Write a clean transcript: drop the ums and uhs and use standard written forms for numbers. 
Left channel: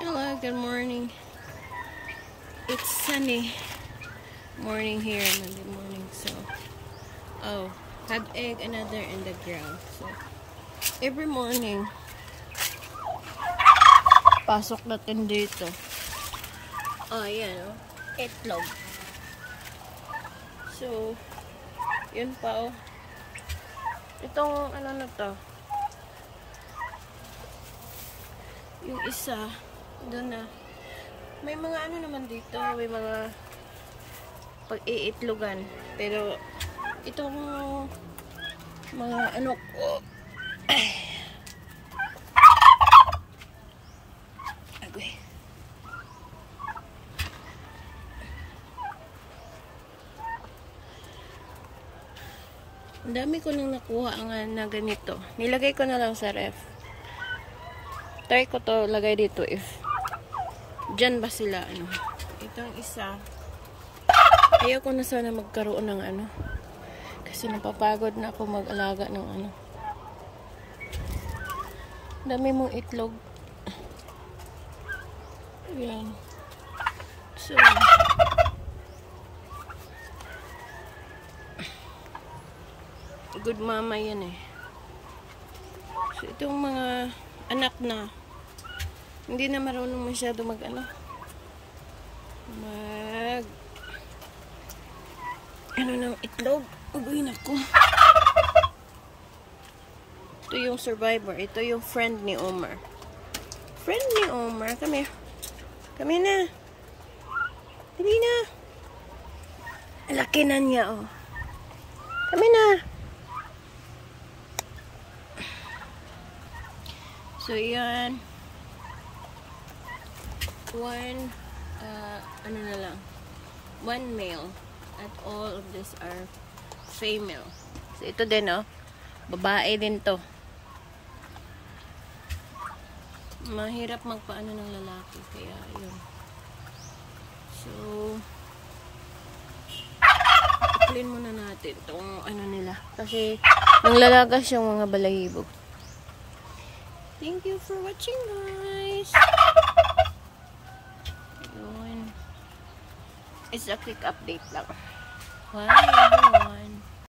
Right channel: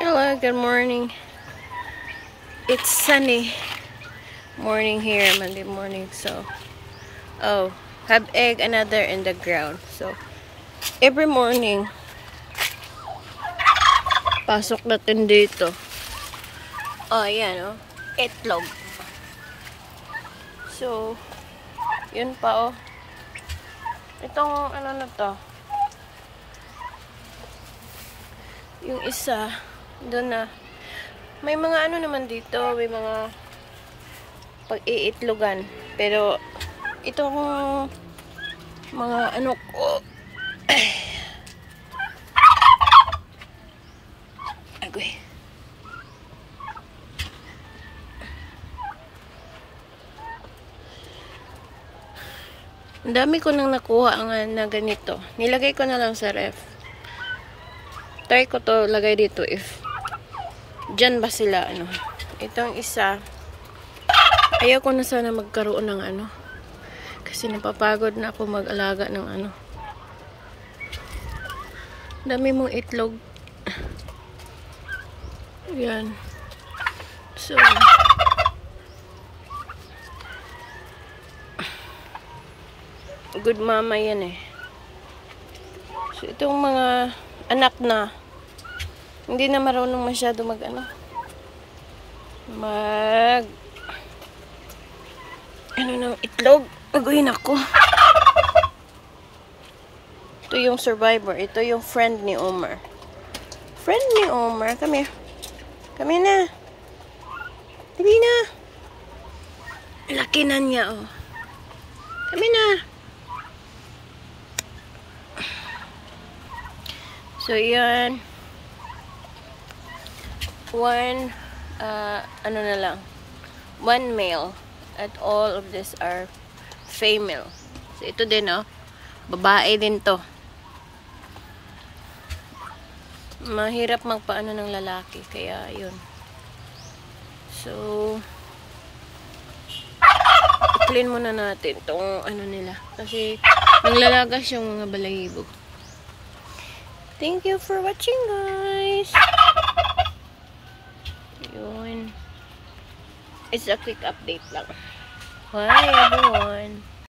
Hello, good morning. It's sunny morning here, Monday morning. So, have egg another in the ground. So, every morning, pasok natin dito. Ayan, itlog. So, yun pa, itong, ano na to, yung isa, doon na. May mga ano naman dito, may mga pag-iitlogan. Pero, itong mga ano ko, agoy. Ang dami ko nang nakuha na ganito. Nilagay ko na lang sa ref. Try ko to lagay dito if dyan ba sila, Itong isa, ayaw ko na sana magkaroon ng kasi napapagod na ako mag-alaga ng dami mong itlog. Yan. So, good mama yan So, itong mga anak na hindi na marunong masyado ng itlog. Aguyin ako. Ito yung survivor. Ito yung friend ni Omar. Friend ni Omar. Come here. Come here na. Dali na. Laki na niya, Come here na. So, yan. One male at all of these are female. So ito din babae din to. Mahirap magpaano ng lalaki kaya yun. So i-clean muna natin tong nila kasi nanglalagas yung mga balahibo. Thank you for watching, guys. Yun. It's a quick update lang. Bye, everyone.